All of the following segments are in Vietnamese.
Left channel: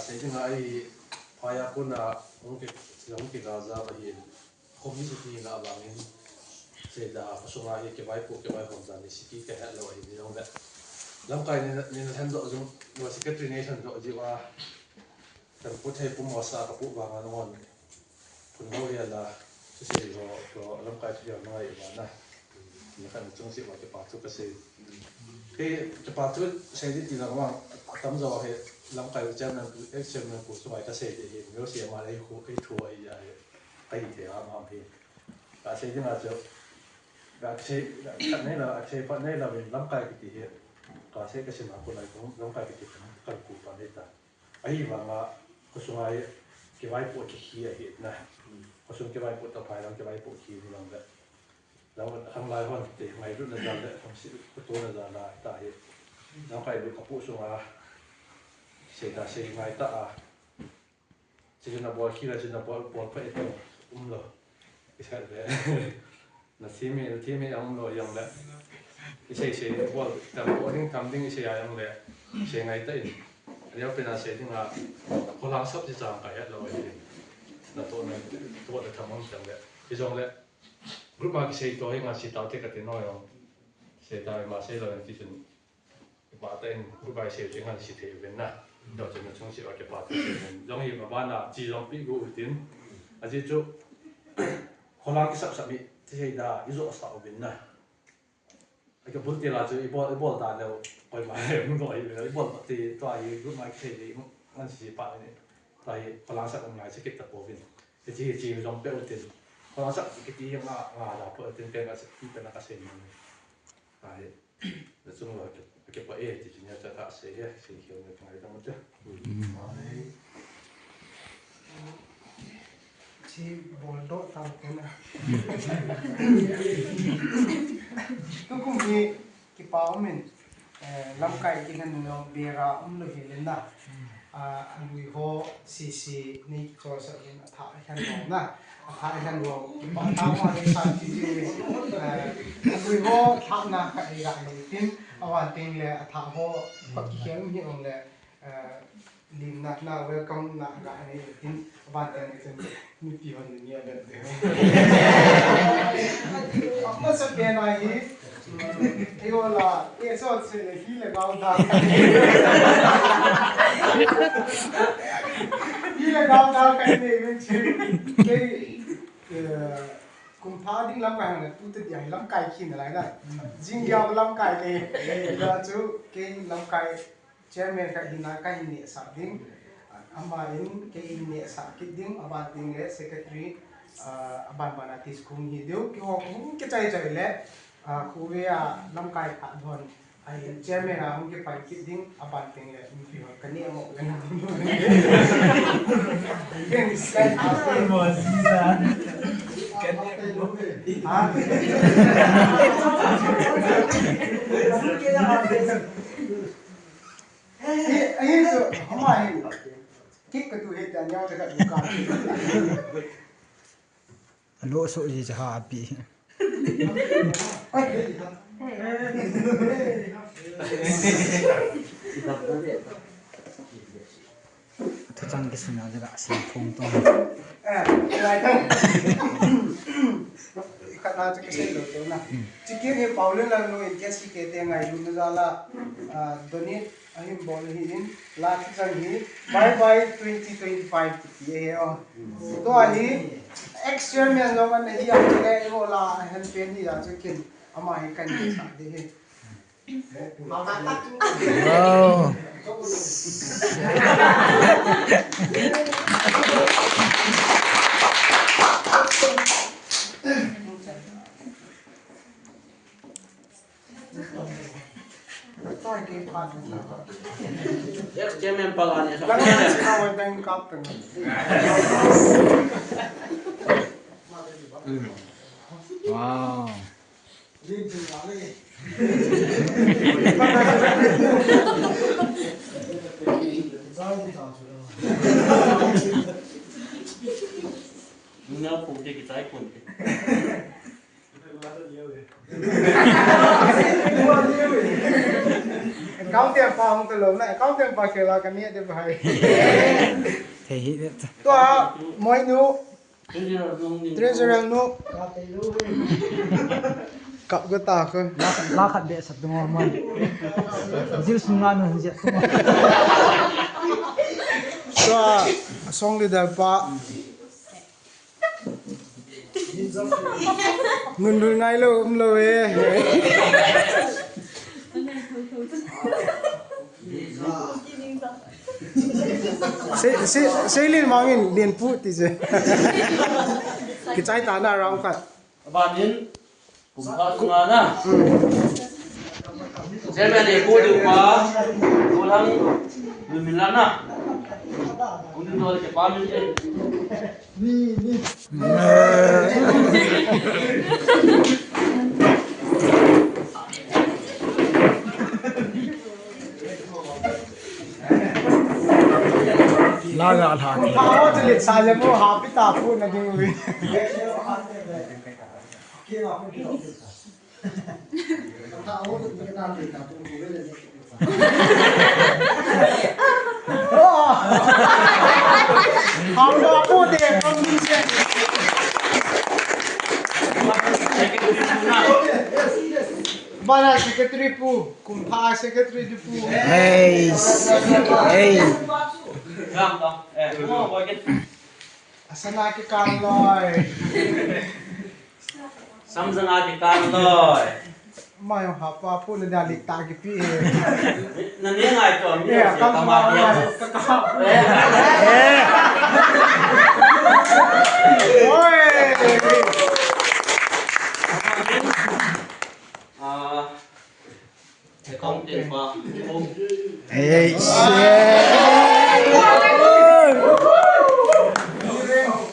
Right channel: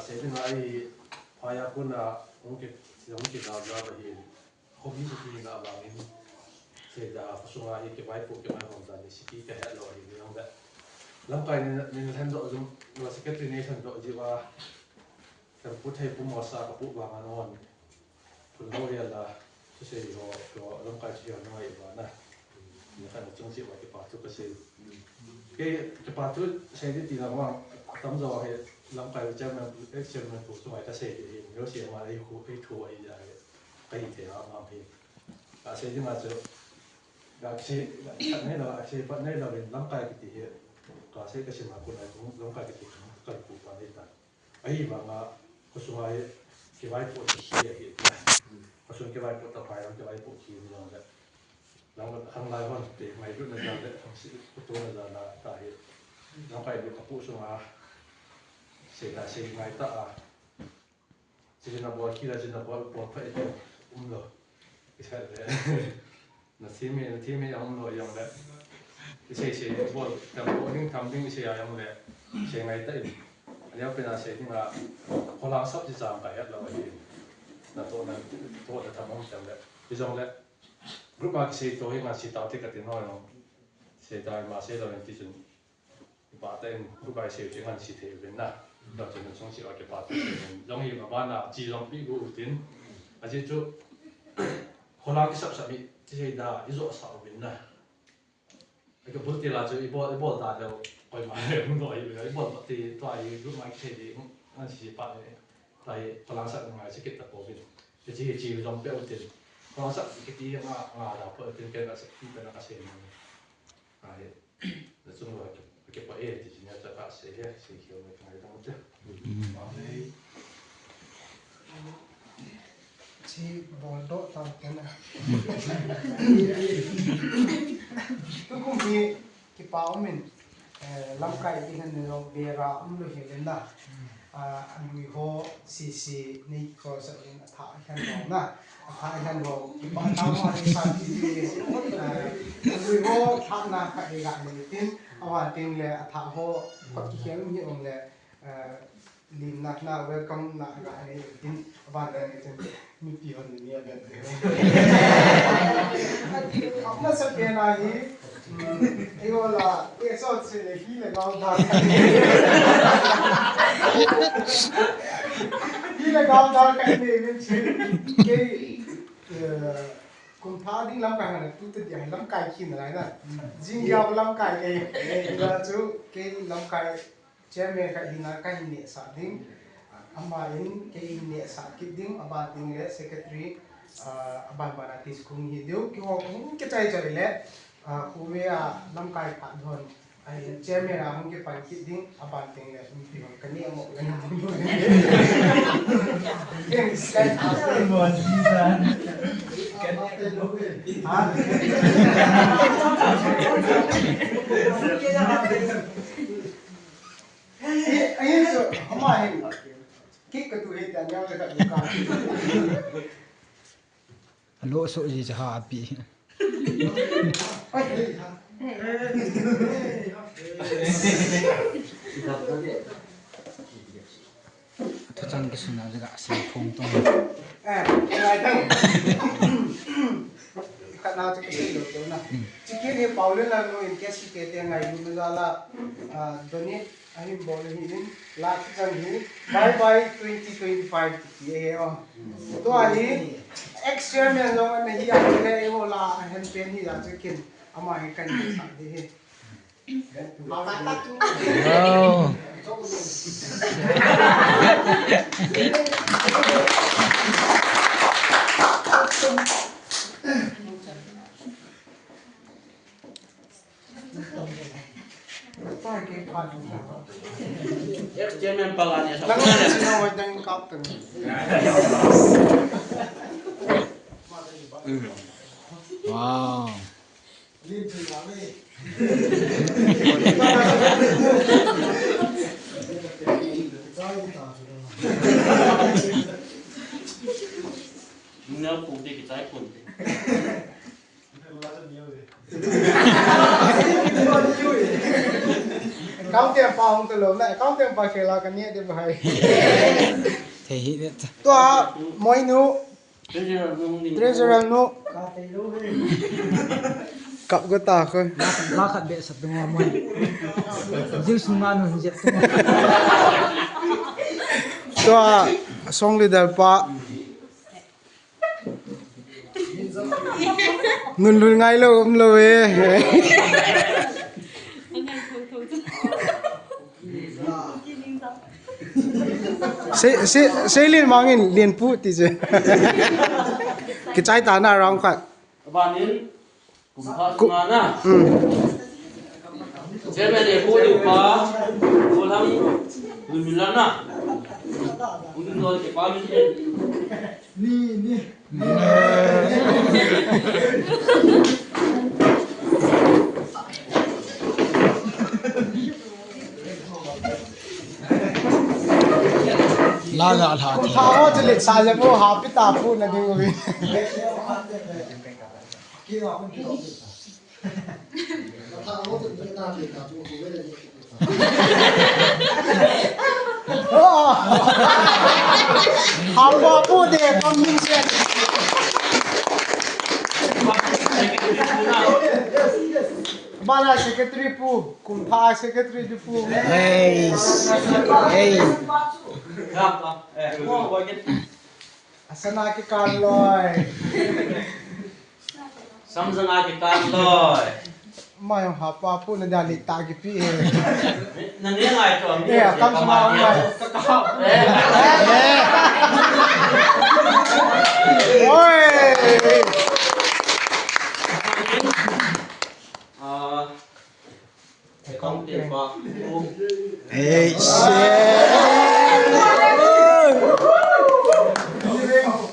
Saying I Payakuna Unki Gaza in community in Abangin say the Fasuma Kibai from Zanisiki hello in that Lamka in the hands of the secretary nation to Jiva the put a Pumosa put on Punoya to say or Lamka to your Noivana. You can see what the part to say. The part to say it in a one thumbs of Lamka German excellent for so I can say you see a Malay who pay to a pay the arm. I say, I say, but Nela in Lamka here. Because I say, Lamka Kupaneta. I even Kosumai Kivai put here. Kosum Kivai put a pile of Kivai put here along that. Hang like one day, my goodness, from Kutuna diet. Now I look a Pusuma say that saying my ta. She's in a boy, killers in a ball, Umlo. It's had the team young young left. He says, well, the boarding something say I am there, saying I did. And you've been saying a whole lot of design by at lower here. Not only what the Tamons and that. He's on that. Group mark say to him as he thought take at the oil. Say that I must say that I'm teaching. But then group I say, you can't see it now. Not in the Chongsi or the party. Young him Havana, Zilong Pigo within. As you do, Holland submit to say that is also a winner. I can put the larger ball that by my ball, the try group my trading and she part like Holland and my second bovin. The GH is on built in. Holland get the put in bed as even like a saying. That's all I keep my age, you know, that I say, yes, see, he'll make my daughter. Chị bồn độ tầm thế nào tôi cũng vì cái bảo mình làm cái hình nó về ra lưu hiện lên anh nuôi ho xì này có sự hiện thải thành hồ na thải thành hồ bảo tao mà đi sang thì nuôi ho thằng nào cái này tin awan tin le thằng ho bất kỳ như ông le lim nak na welcome nak ga này tin awan cái này mi pi hon ni ya nó sẽ biến này cái gọi là cái số sẽ là khi là cao đa khi là cao đa cái này mình chỉ cái cùng thà đi làm cái này tụi tự nhiên làm cái khi này là riêng nhau làm cái là chú cái làm cái chế mẹ cái hình này cái này sao đinh Ambalin kay ni sa kiding abating le secretary aban banati school hi deu ki ho hum ke chai chai le khuwea lamkai kha dhon ai chairman a hum ke pai kiding abating le mi pi kani amo le ken sky asen mo sisa ai so hamai kik tu he dan yang dekat bukan lo so ji ha api ta chang ke suna jaga sim phong tong lai tang khat na che ke lo to na chikin he paule la no in case ki te ngai lu na la donate ahim bol hi in lak chang hi bye bye 2025 ki he on to ahi experiment lo man hi a ke e ho la hen pen hi a chikin ama he kan sa de he wow Jangan palanya lang na sinaw tayong captain wow Nggak putih kita pun. Kau account tempo ang tulong na account tempo kela kania de bhai thế hi tua moi nu treasurer nu kap go ta khon la khat be sat dum mo jil sunga no je tua song leader pa nun nun ngai lo lo e se lin mangin lien pu ti je ki chai ta na rang khat Banin kumpa na. Seven e ko du pa ulang lumilan na. Kung no ke pa min ni laga al ha thi ha wo le sa je mo ha pi ta pu na di wi ha ba pu de kam min se Bala secretary pu kumpha secretary du pu hey Gam da. Wo get asana ke kan loi samjang a ke kan loi. mai ha pa pu na da li ta ki pi Na ne ngai to mi se ka ma dia. oi Không tiền qua. hey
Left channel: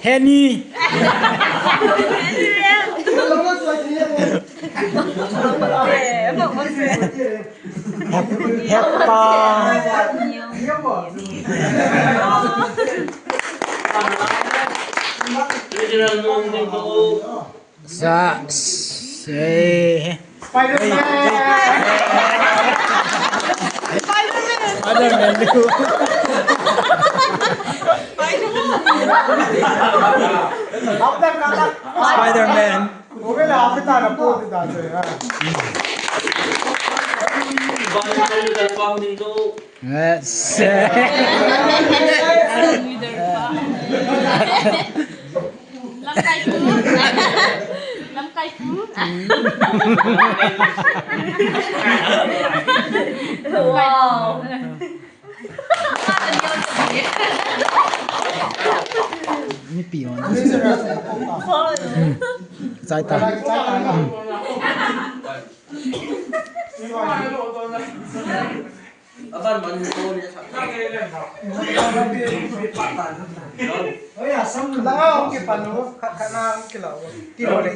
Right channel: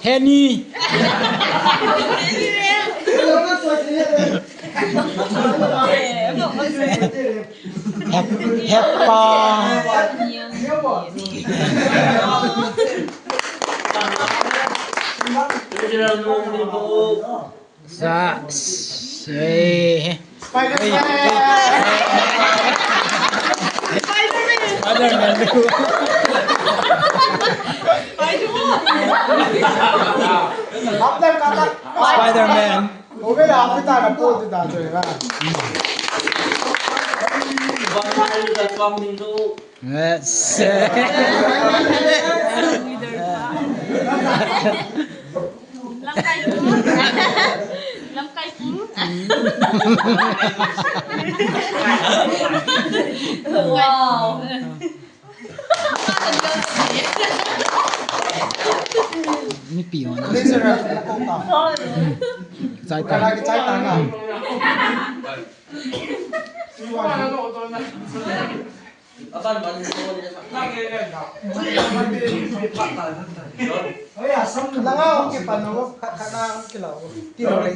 Henny Heppa Treasurer nung din ko. sa hey Spider-Man lu Spider-Man oge la apita na pu de da je Banin kayo dal pa din do. yes Wow. ni pion treasurer sai ta ki chai ta na Akan banin ko niya sa. langa ki panu kana ki law ti ho le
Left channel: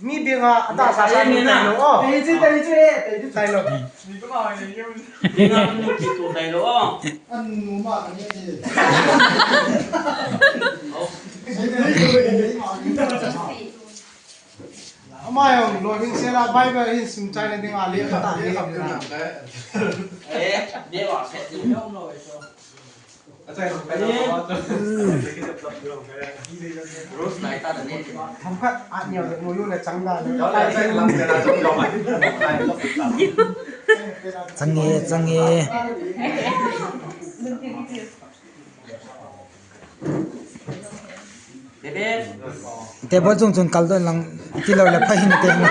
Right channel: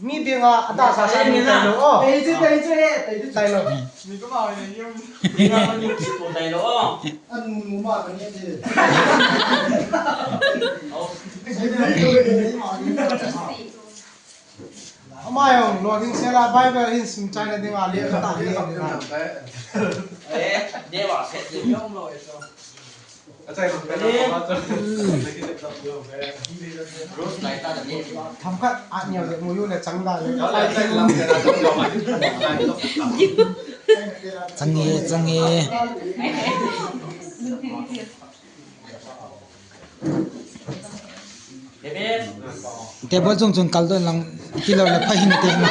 mi bi nga ata sa sa ni na lo o ei ji tai lo Nga man yung kito tayo lo. an mu ma ka ni ji amai om lo king se la bible in sim chai na ding ali ka ta ni Dia wa set ni. Rose lại ta được lên. tham khát ăn nhiều được mua là trắng raเลย change Bebe. te bo chung chung kal don lang kilo le phahin te ma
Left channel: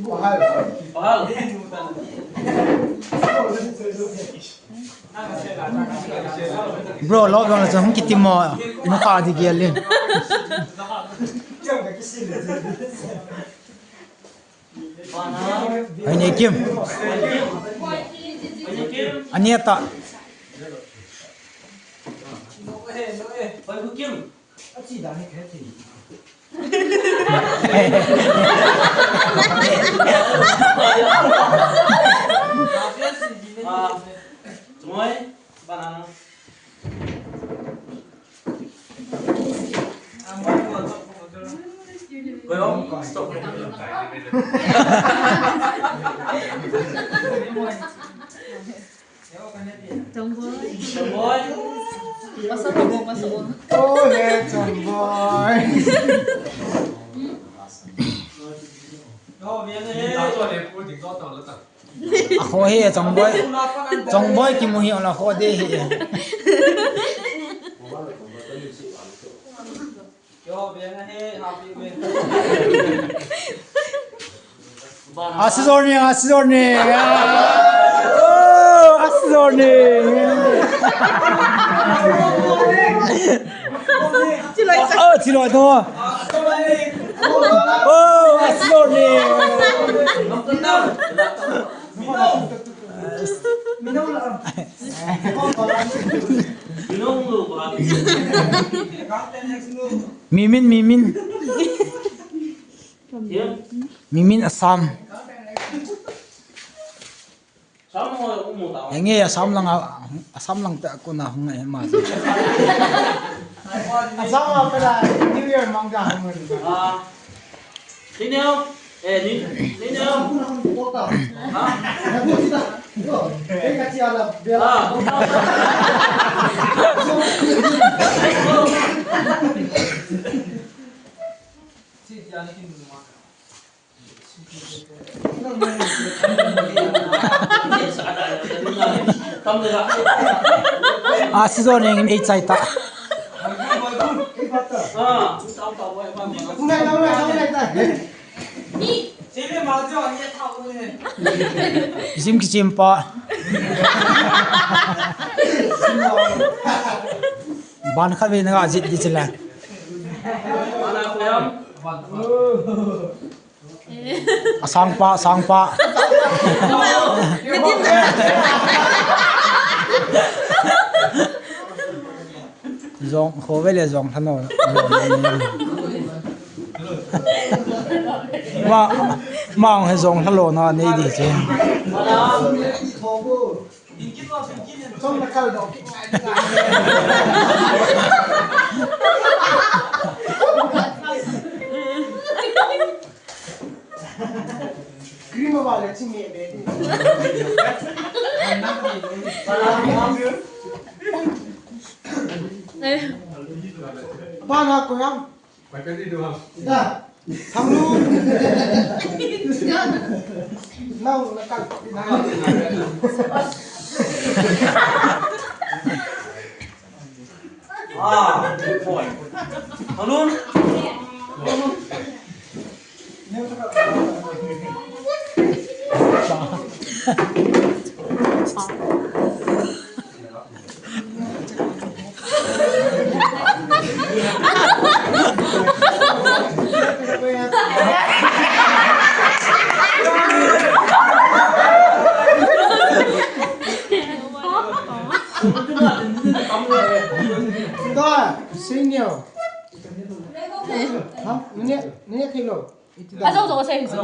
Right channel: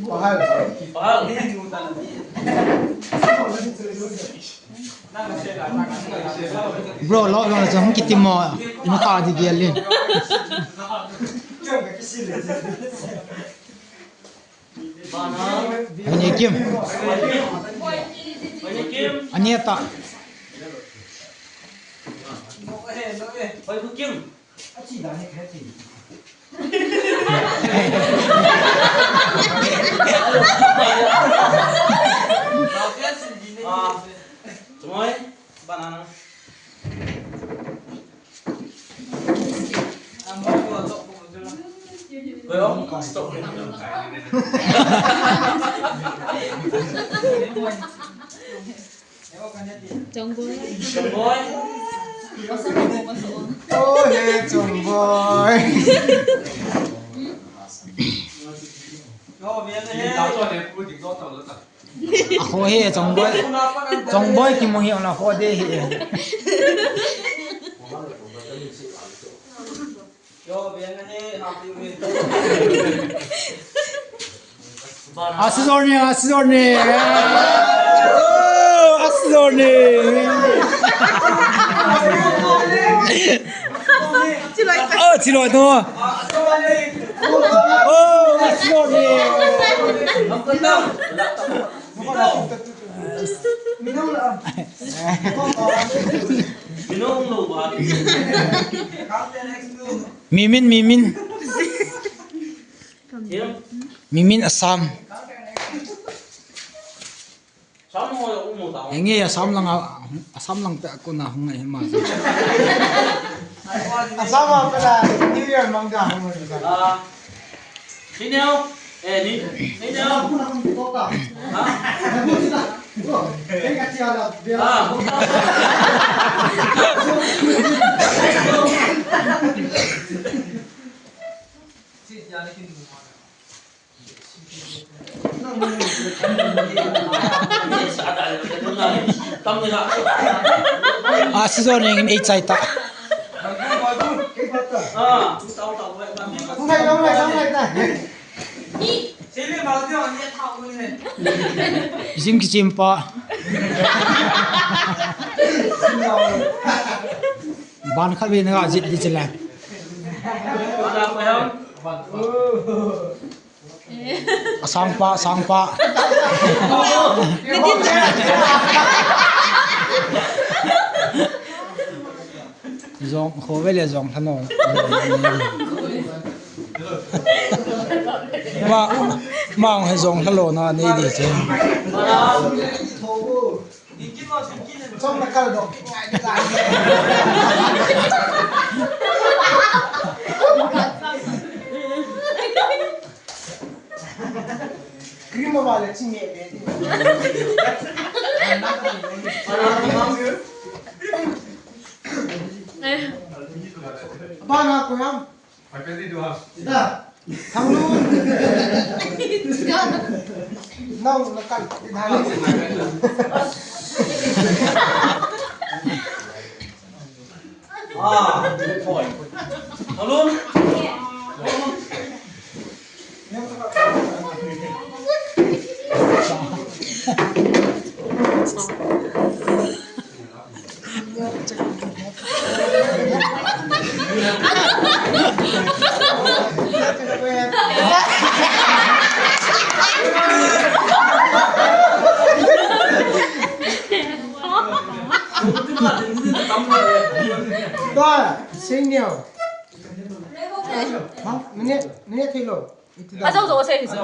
Wow. bro lo dong la chung ki timo no ka di gelin Mana? ani kim Banyak kim. aniata Banyak kim. Semua banana. Kau stop. Jongboy. Oh, let's boy. อะโคเฮจงบอยกิโมเฮอละโคเดเฮ อาซิโซเนียโอ้อาซิโซเนียชิโร่ตัวโอ้อาซิโซเนีย Minum lu buat. Mimin Mimin Assam Sama umur tahu. Yang Assam lang ta ako na ngai ma Asama pala New Year mangga mo. Sini yo. Ni yo. Toka. Ha? Kaya kasi ala bela. Asizoning in 8 saita Isim kicimpa Ban khat be na jit di chela Sangpa Zong khove le zong thano Mang he zong thalo na nei di che Trong na kal do. Cream wala chinge de. Bana ko ham. Mai pe di doang. Da. Thanglu. Nau na kal. Boy. Halun. Da, senior. Ha? Nene thilo. Azau zo se hizo.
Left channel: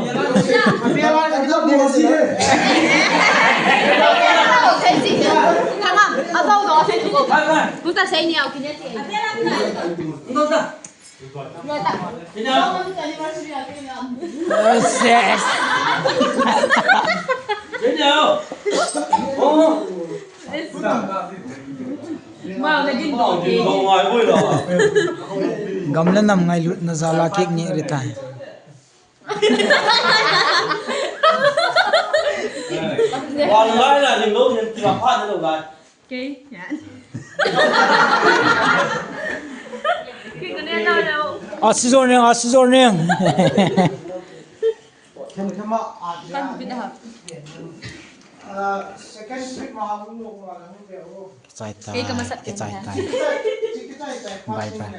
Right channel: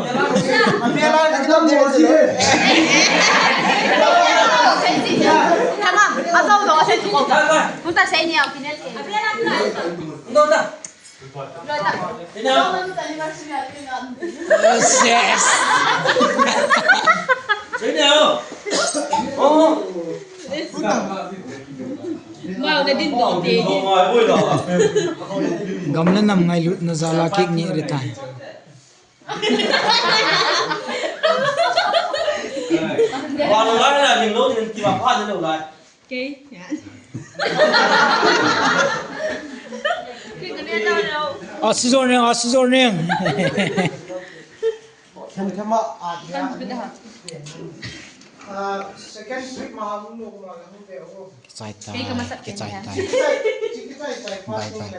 Biara ekdam desi de. Tamam. Azau zo se tu kota. Puta se ni au kine te. Đâu ra? Rồi ta. Thế nào? Yes Thế nào? Ô. Mau na din do Đi đâu ngoài vui rồi. Gamla nam ngai lut na zala kek ni rita Còn nói là mình lúc thì tìm phát đến đầu lại. Okay. Yan. Kikane na daw. Asizoning Thema Kan pindah. second trip ma hum lo ma hum de o. Saita Kay kamasat Bye bye